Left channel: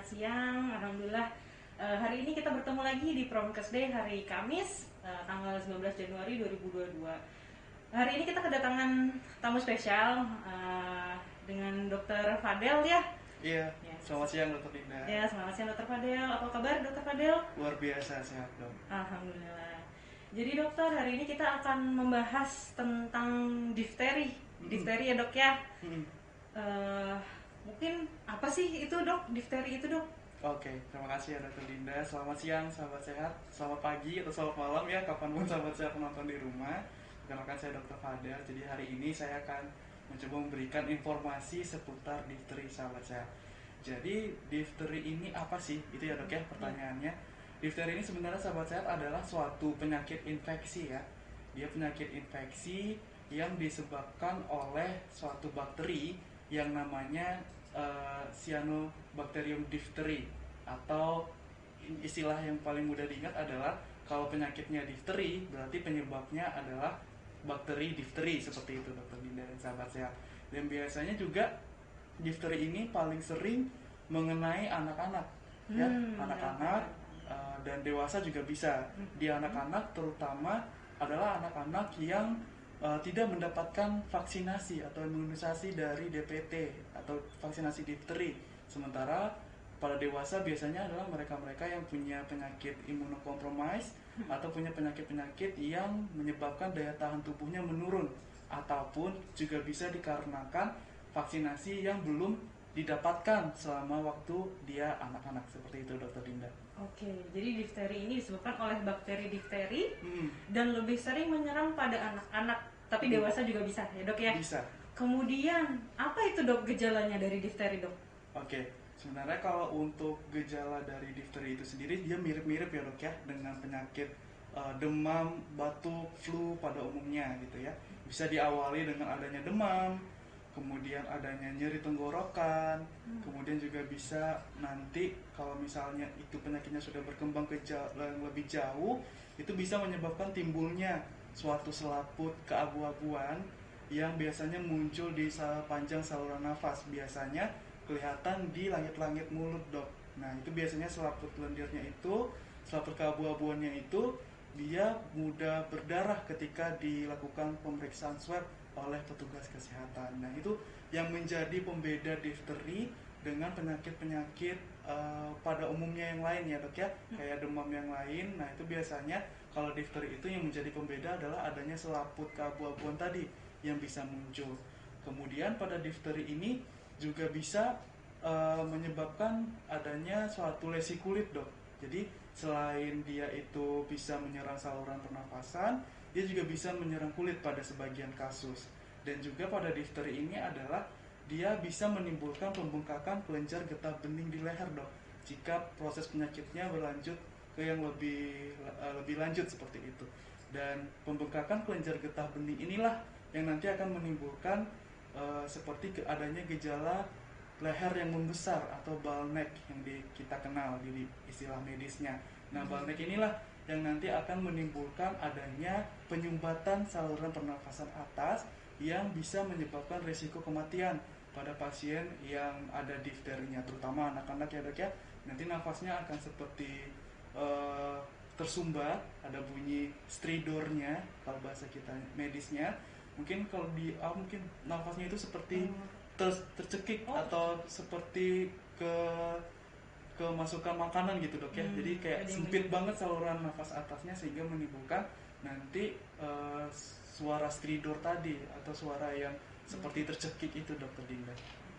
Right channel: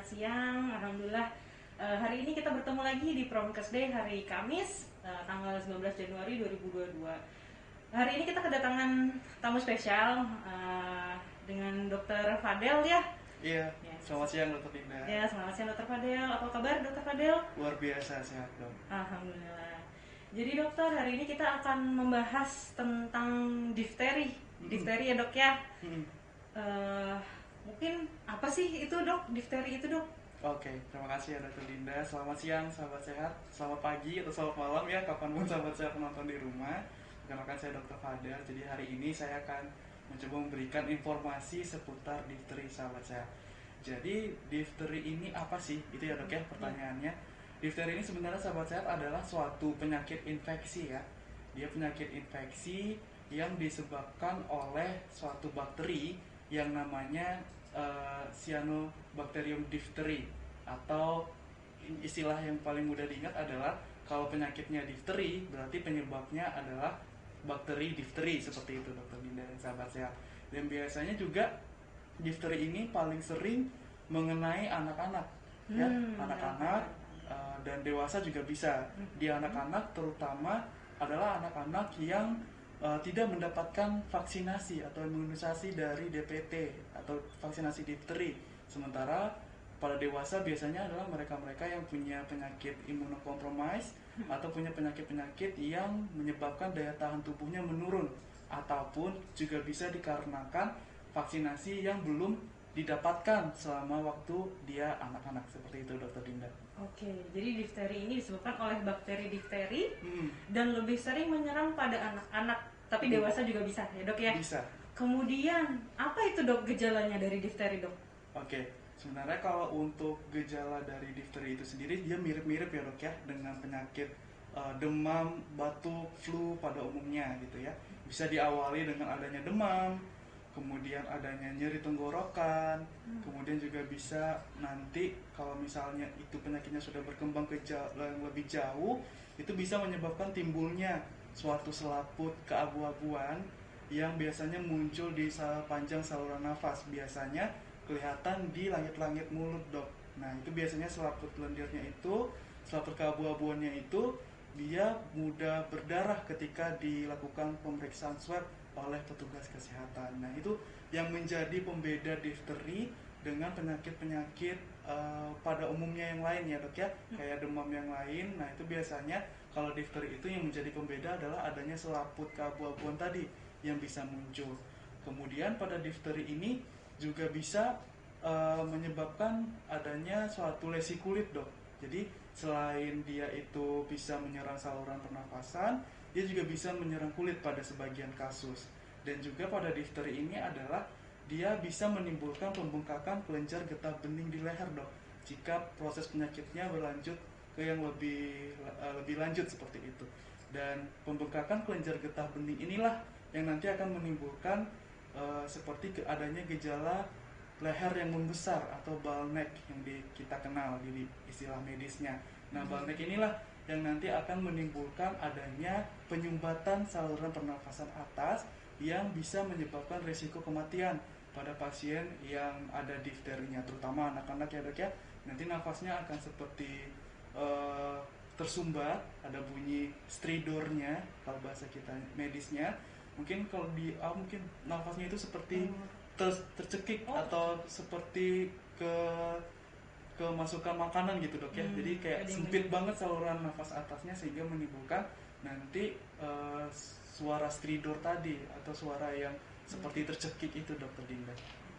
selamat siang. Alhamdulillah hari ini kita bertemu lagi di Promkes Day hari Kamis tanggal 19 Januari 2022. Hari ini kita kedatangan tamu spesial dengan Dr. Fadel ya. Iya, selamat siang Dr. Dinda. Ya, selamat siang Dr. Fadel. Apa kabar Dr. Fadel? Luar biasa sehat dong. Alhamdulillah. Jadi dokter, hari ini kita akan membahas tentang difteri. Difteri ya dok ya. Mungkin apa sih itu dok, difteri itu dok? Oke, terima kasih ya Dr. Dinda. Selamat siang sahabat sehat, selamat pagi atau selamat malam ya, kapanpun sahabat sehat menonton di rumah. Perkenalkan saya Dr. Fadel. Jadi hari ini saya akan mencoba memberikan informasi seputar difteri sahabat sehat. Jadi difteri ini apa sih? Itu ya dok ya pertanyaannya. Difteri ini sebenarnya sahabat sehat adalah suatu penyakit infeksi ya. Dia penyakit infeksi yang disebabkan oleh suatu bakteri yang namanya Cyanobacterium diphtheri, atau istilah yang paling mudah diingat adalah kalau penyakitnya difteri berarti penyebabnya adalah bakteri difteri, seperti itu dokter Dinda dan sahabat sehat. Yang biasanya juga difteri ini paling sering mengenai anak-anak ya, anak-anak dan dewasa juga bisa. Di anak-anak terutama adalah anak-anak yang tidak mendapatkan vaksinasi atau imunisasi dari DPT atau vaksinasi difteri. Sementara pada dewasa biasanya adalah mereka-mereka yang punya penyakit imunokompromis atau punya penyakit-penyakit yang menyebabkan daya tahan tubuhnya menurun, ataupun juga bisa dikarenakan vaksinasi yang belum didapatkan selama waktu dia anak-anak, seperti itu dokter Dinda. Oke, jadi difteri ini disebabkan oleh bakteri difteri dan lebih sering menyerang pada anak-anak, tapi dewasa juga bisa ya dok ya? Bisa. Kemudian apa itu dok gejalanya dari difteri dok? Oke, sebenarnya kalau untuk gejala dari difteri itu sendiri dia mirip-mirip ya dok ya dengan penyakit demam, batuk, flu pada umumnya gitu ya. Bisa diawali dengan adanya demam, kemudian adanya nyeri tenggorokan, kemudian juga bisa nanti kalau misalnya itu penyakitnya sudah berkembang ke yang lebih jauh, itu bisa menyebabkan timbulnya suatu selaput keabu-abuan yang biasanya muncul di panjang saluran nafas, biasanya kelihatan di langit-langit mulut dok. Nah itu biasanya selaput lendirnya itu, selaput keabu-abuannya itu dia mudah berdarah ketika dilakukan pemeriksaan swab oleh petugas kesehatan. Nah itu yang menjadi pembeda difteri dengan penyakit-penyakit pada umumnya yang lain ya dok ya, kayak demam yang lain. Nah itu biasanya kalau difteri itu yang menjadi pembeda adalah adanya selaput keabu-abuan tadi yang bisa muncul. Kemudian pada difteri ini juga bisa menyebabkan adanya suatu lesi kulit dok. Jadi selain dia itu bisa menyerang saluran pernafasan, dia juga bisa menyerang kulit pada sebagian kasus. Dan juga pada difteri ini adalah dia bisa menimbulkan pembengkakan kelenjar getah bening di leher dok, jika proses penyakitnya berlanjut ke yang lebih lanjut seperti itu. Dan pembengkakan kelenjar getah bening inilah yang nanti akan menimbulkan seperti adanya gejala leher yang membesar atau ball neck yang kita kenal di istilah medisnya. Nah ball neck inilah yang nanti akan menimbulkan adanya penyumbatan saluran pernafasan atas yang bisa menyebabkan risiko kematian pada pasien yang ada difterinya, terutama anak-anak ya dok ya. Nanti nafasnya akan seperti tersumbat, ada bunyi stridornya kalau bahasa kita medisnya. Mungkin kalau mungkin nafasnya itu seperti tercekik atau seperti kemasukan makanan gitu dok ya. Jadi kayak sempit banget saluran nafas atasnya sehingga menimbulkan nanti suara stridor tadi atau suara yang seperti tercekik itu dokter Dinda.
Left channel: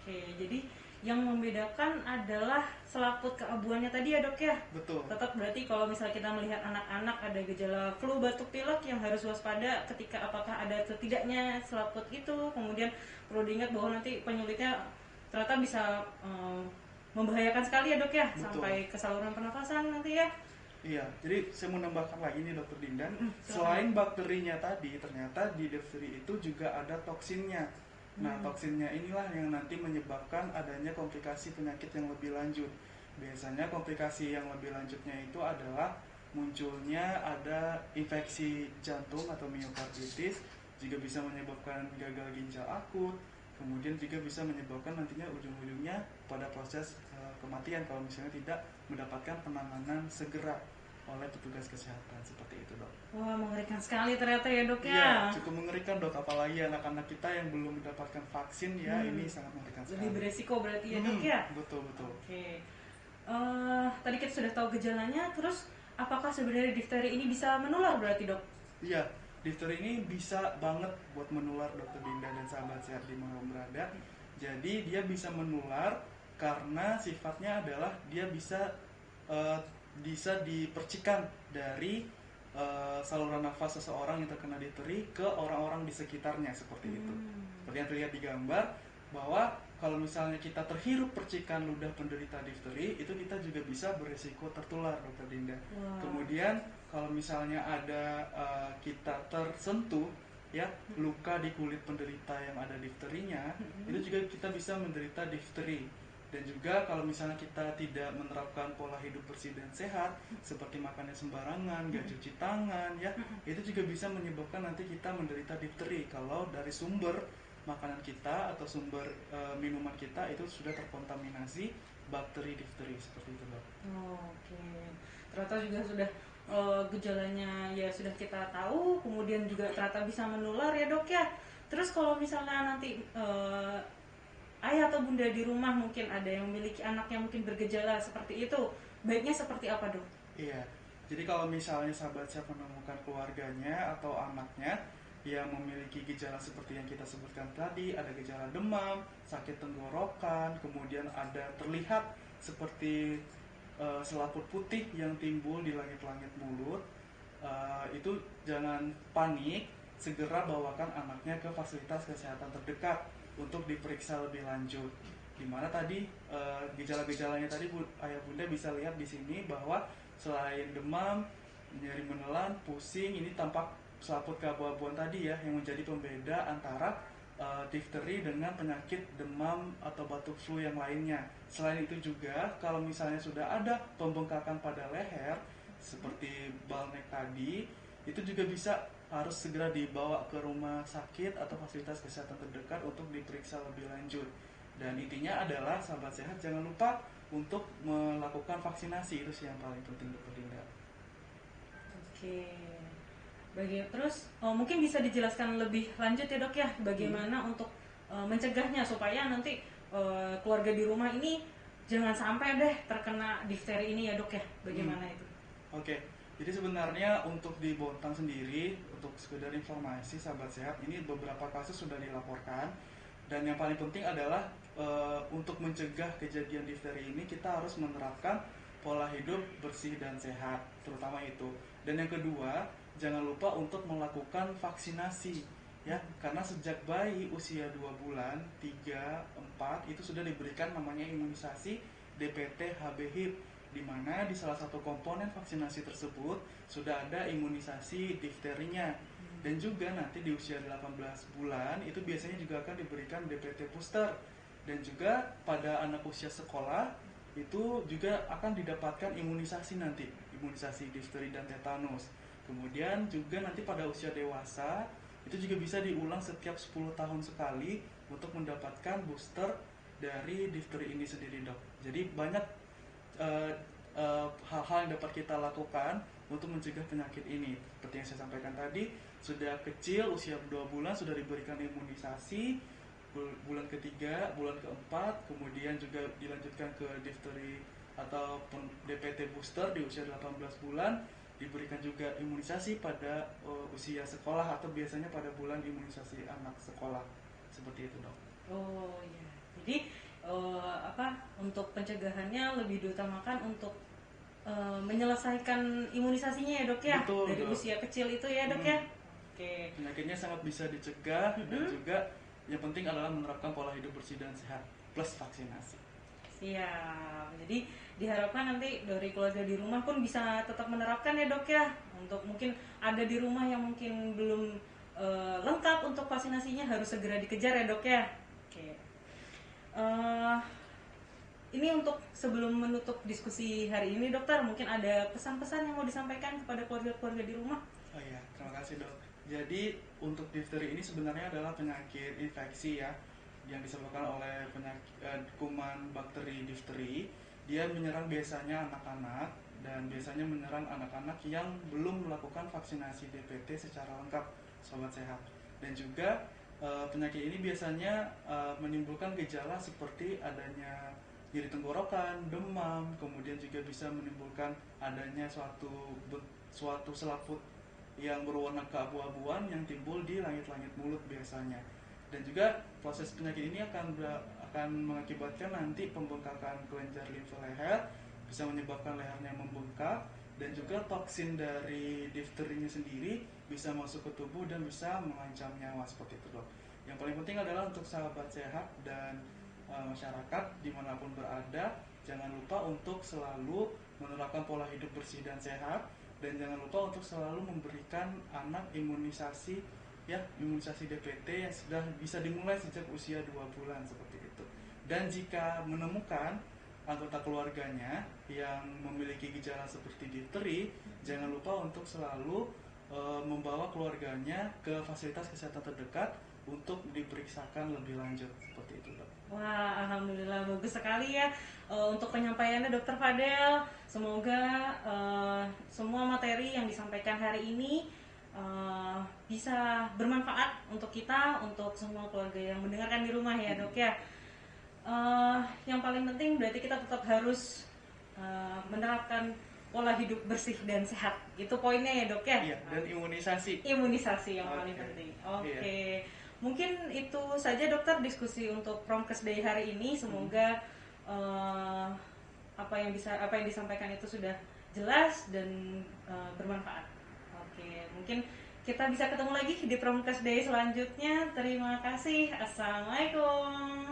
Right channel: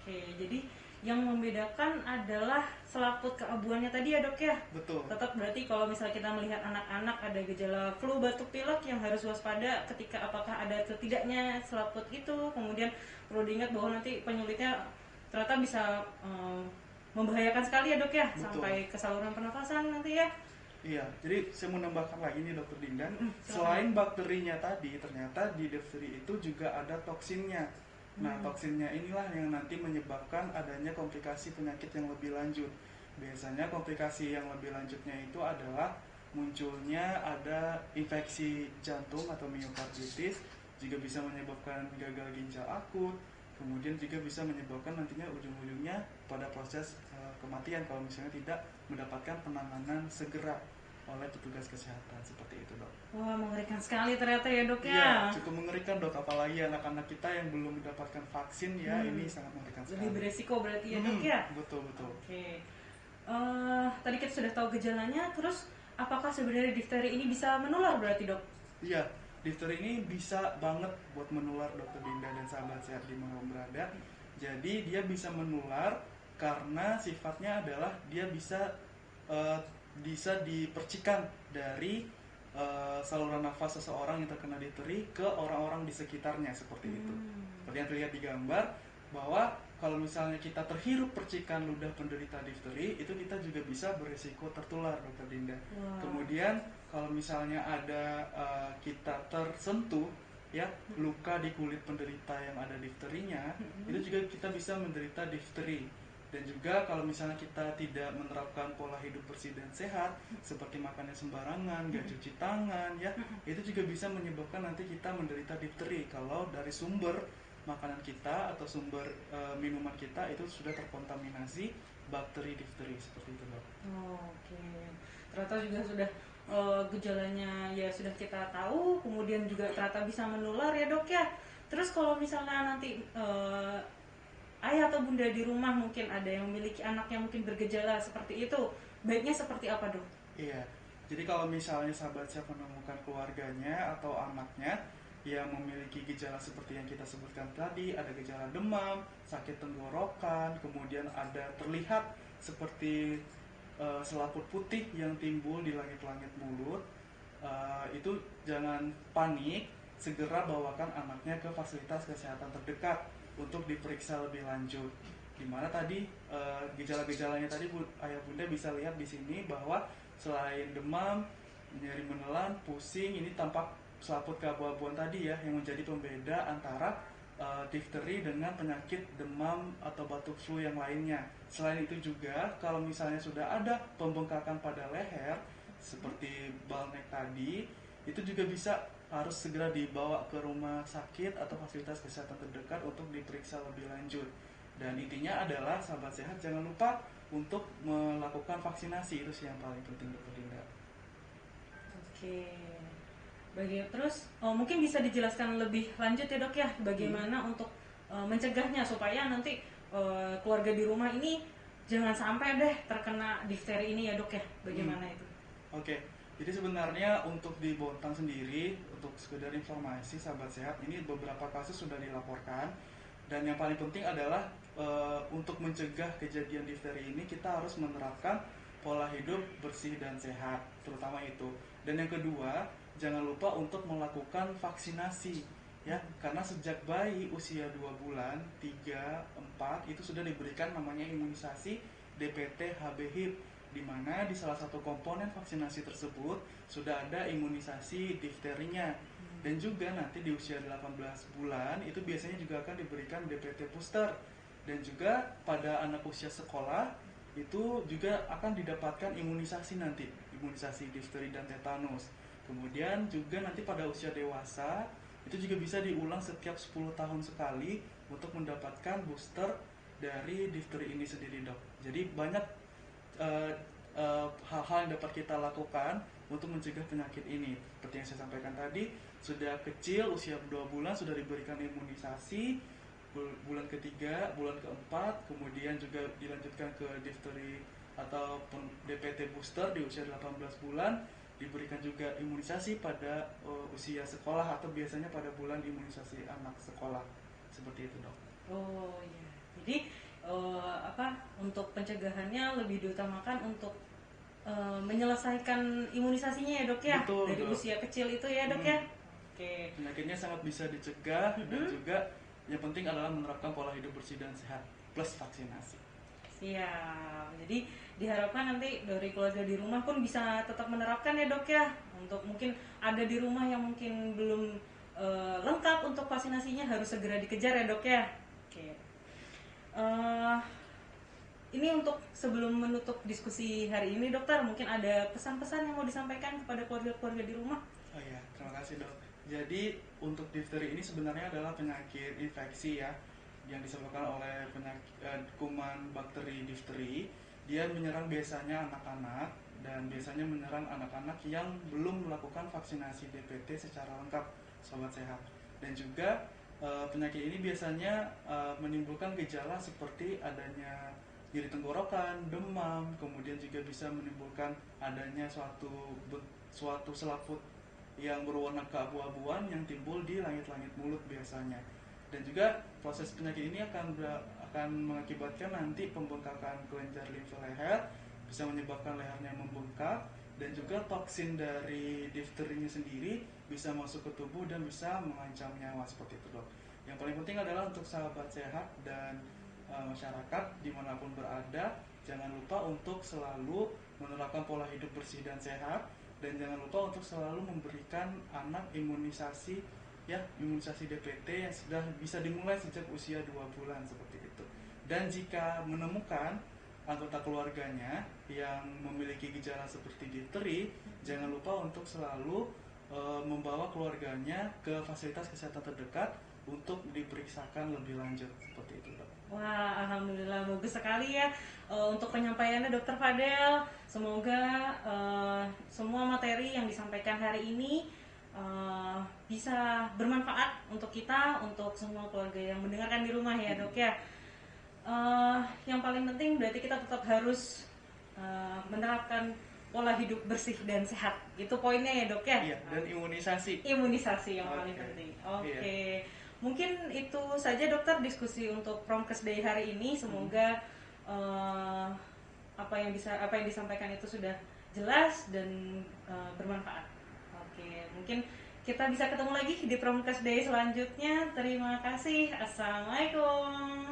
Oke, jadi yang membedakan adalah selaput keabuannya tadi ya dok ya? Betul. Tetap berarti kalau misalnya kita melihat anak-anak ada gejala flu, batuk, pilek, yang harus waspada ketika apakah ada atau tidaknya selaput itu. Kemudian perlu diingat bahwa nanti penyulitnya ternyata bisa membahayakan sekali ya dok ya? Betul. Sampai ke saluran pernafasan nanti ya? Iya, jadi saya mau nambahkan lagi nih dokter Dinda. Selain bakterinya tadi, ternyata di difteri itu juga ada toksinnya. Nah, toksinnya inilah yang nanti menyebabkan adanya komplikasi penyakit yang lebih lanjut. Biasanya komplikasi yang lebih lanjutnya itu adalah munculnya ada infeksi jantung atau miokarditis, juga bisa menyebabkan gagal ginjal akut, kemudian juga bisa menyebabkan nantinya ujung-ujungnya pada proses kematian kalau misalnya tidak mendapatkan penanganan segera oleh petugas kesehatan. Seperti itu, Dok. Wah, mengerikan sekali ternyata ya dok Iya, ya. cukup mengerikan, Dok, apalagi anak-anak kita yang belum mendapatkan vaksin ya, ini sangat mengerikan Lebih sekali. beresiko berarti ya dok ya. Betul, betul. Oke. Tadi kita sudah tahu gejalanya, terus apakah sebenarnya difteri ini bisa menular berarti dok? Iya, difteri ini bisa banget buat menular, Dokter Dinda dan sahabat sehat dimanapun berada. Jadi dia bisa menular karena sifatnya adalah dia bisa dipercikan dari saluran nafas seseorang yang terkena difteri ke orang-orang di sekitarnya, seperti itu. Seperti yang terlihat di gambar, bahwa kalau misalnya kita terhirup percikan ludah penderita difteri, itu kita juga bisa berisiko tertular, Dokter Dinda. Kemudian kalau misalnya ada kita tersentuh ya luka di kulit penderita yang ada difterinya, itu juga kita bisa menderita difteri. Dan juga kalau misalnya kita tidak menerapkan pola hidup bersih dan sehat, seperti makannya sembarangan, gak cuci tangan ya, itu juga bisa menyebabkan nanti kita menderita difteri kalau dari sumber makanan kita atau sumber minuman kita itu sudah terkontaminasi bakteri difteri, seperti itu, Dok. Oke. Ternyata juga sudah gejalanya ya sudah kita tahu, kemudian juga ternyata bisa menular ya dok ya. Terus kalau misalnya nanti ayah atau bunda di rumah mungkin ada yang memiliki anak yang mungkin bergejala seperti itu, baiknya seperti apa dok? Iya, jadi kalau misalnya sahabat saya menemukan keluarganya atau anaknya yang memiliki gejala seperti yang kita sebutkan tadi, ada gejala demam, sakit tenggorokan, kemudian ada terlihat seperti selaput putih yang timbul di langit-langit mulut, itu jangan panik, segera bawakan anaknya ke fasilitas kesehatan terdekat untuk diperiksa lebih lanjut. Dimana tadi gejala-gejalanya tadi ayah bunda bisa lihat di sini bahwa selain demam, nyeri menelan, pusing, ini tampak selaput keabu-abuan tadi ya, yang menjadi pembeda antara difteri dengan penyakit demam atau batuk flu yang lainnya. Selain itu juga kalau misalnya sudah ada pembengkakan pada leher seperti balnek tadi, itu juga bisa harus segera dibawa ke rumah sakit atau fasilitas kesehatan terdekat untuk diperiksa lebih lanjut. Dan intinya adalah sahabat sehat jangan lupa untuk melakukan vaksinasi, itu sih yang paling penting, Dokter Dinda. Oke. Terus mungkin bisa dijelaskan lebih lanjut ya dok ya, bagaimana untuk mencegahnya supaya nanti keluarga di rumah ini jangan sampai deh terkena difteri ini ya dok ya, bagaimana itu? Oke. Jadi sebenarnya untuk di Bontang sendiri, untuk sekedar informasi sahabat sehat, ini beberapa kasus sudah dilaporkan. Dan yang paling penting adalah untuk mencegah kejadian difteri ini kita harus menerapkan pola hidup bersih dan sehat, terutama itu. Dan yang kedua, jangan lupa untuk melakukan vaksinasi ya, karena sejak bayi usia 2 bulan, 3, 4 itu sudah diberikan namanya imunisasi DPT HB-HIB, di mana di salah satu komponen vaksinasi tersebut sudah ada imunisasi difterinya. Dan juga nanti di usia 18 bulan itu biasanya juga akan diberikan DPT booster. Dan juga pada anak usia sekolah itu juga akan didapatkan imunisasi nanti, imunisasi difteri dan tetanus. Kemudian juga nanti pada usia dewasa itu juga bisa diulang setiap 10 tahun sekali untuk mendapatkan booster dari difteri ini sendiri, dok. Jadi banyak hal-hal yang dapat kita lakukan untuk mencegah penyakit ini. Seperti yang saya sampaikan tadi, sudah kecil usia 2 bulan sudah diberikan imunisasi, bulan ketiga, bulan keempat, kemudian juga dilanjutkan ke difteri atau DPT booster di usia 18 bulan, diberikan juga imunisasi pada usia sekolah atau biasanya pada bulan imunisasi anak sekolah, seperti itu, dok. Oh iya, jadi untuk pencegahannya lebih diutamakan untuk menyelesaikan imunisasinya ya dok ya. Betul, dari dok. usia kecil itu ya dok ya. Oke. Penyakitnya sangat bisa dicegah dan juga yang penting adalah menerapkan pola hidup bersih dan sehat plus vaksinasi. Siap. Jadi diharapkan nanti dari keluarga di rumah pun bisa tetap menerapkan ya dok ya. Untuk mungkin ada di rumah yang mungkin belum lengkap untuk vaksinasinya harus segera dikejar ya dok ya. Oke. Ini untuk sebelum menutup diskusi hari ini dokter, mungkin ada pesan-pesan yang mau disampaikan kepada keluarga-keluarga di rumah? Oh iya, terima kasih, dok. Jadi untuk difteri ini sebenarnya adalah penyakit infeksi ya, yang disebabkan oleh kuman bakteri difteri. Dia menyerang biasanya anak-anak dan biasanya menyerang anak-anak yang belum melakukan vaksinasi DPT secara lengkap, sobat sehat. Dan juga penyakit ini biasanya menimbulkan gejala seperti adanya nyeri tenggorokan, demam, kemudian juga bisa menimbulkan adanya suatu selaput yang berwarna keabu-abuan yang timbul di langit-langit mulut biasanya. Dan juga proses penyakit ini akan mengakibatkan nanti pembengkakan kelenjar limfe leher, bisa menyebabkan lehernya membengkak, dan juga toksin dari difterinya sendiri bisa masuk ke tubuh dan bisa mengancam nyawa seperti itu, dok. Yang paling penting adalah untuk sahabat sehat dan masyarakat dimanapun berada, jangan lupa untuk selalu menerapkan pola hidup bersih dan sehat, dan jangan lupa untuk selalu memberikan anak imunisasi imunisasi DPT yang sudah bisa dimulai sejak usia 2 bulan seperti itu. Dan jika menemukan anggota keluarganya yang memiliki gejala seperti difteri, jangan lupa untuk selalu membawa keluarganya ke fasilitas kesehatan terdekat untuk diperiksakan lebih lanjut seperti itu, Dok. Wah, alhamdulillah bagus sekali ya untuk penyampaiannya Dokter Fadel. Semoga semua materi yang disampaikan hari ini bisa bermanfaat untuk kita, untuk semua keluarga yang mendengarkan di rumah ya, Dok ya. Yang paling penting berarti kita tetap harus menerapkan pola hidup bersih dan sehat. Itu poinnya ya, Dok ya. Iya, dan imunisasi. Imunisasi yang paling penting. Oke. Mungkin itu saja dokter diskusi untuk Promkes Day hari ini. Semoga apa yang disampaikan itu sudah jelas dan bermanfaat. Oke, mungkin kita bisa ketemu lagi di Promkes Day selanjutnya. Terima kasih. Assalamualaikum.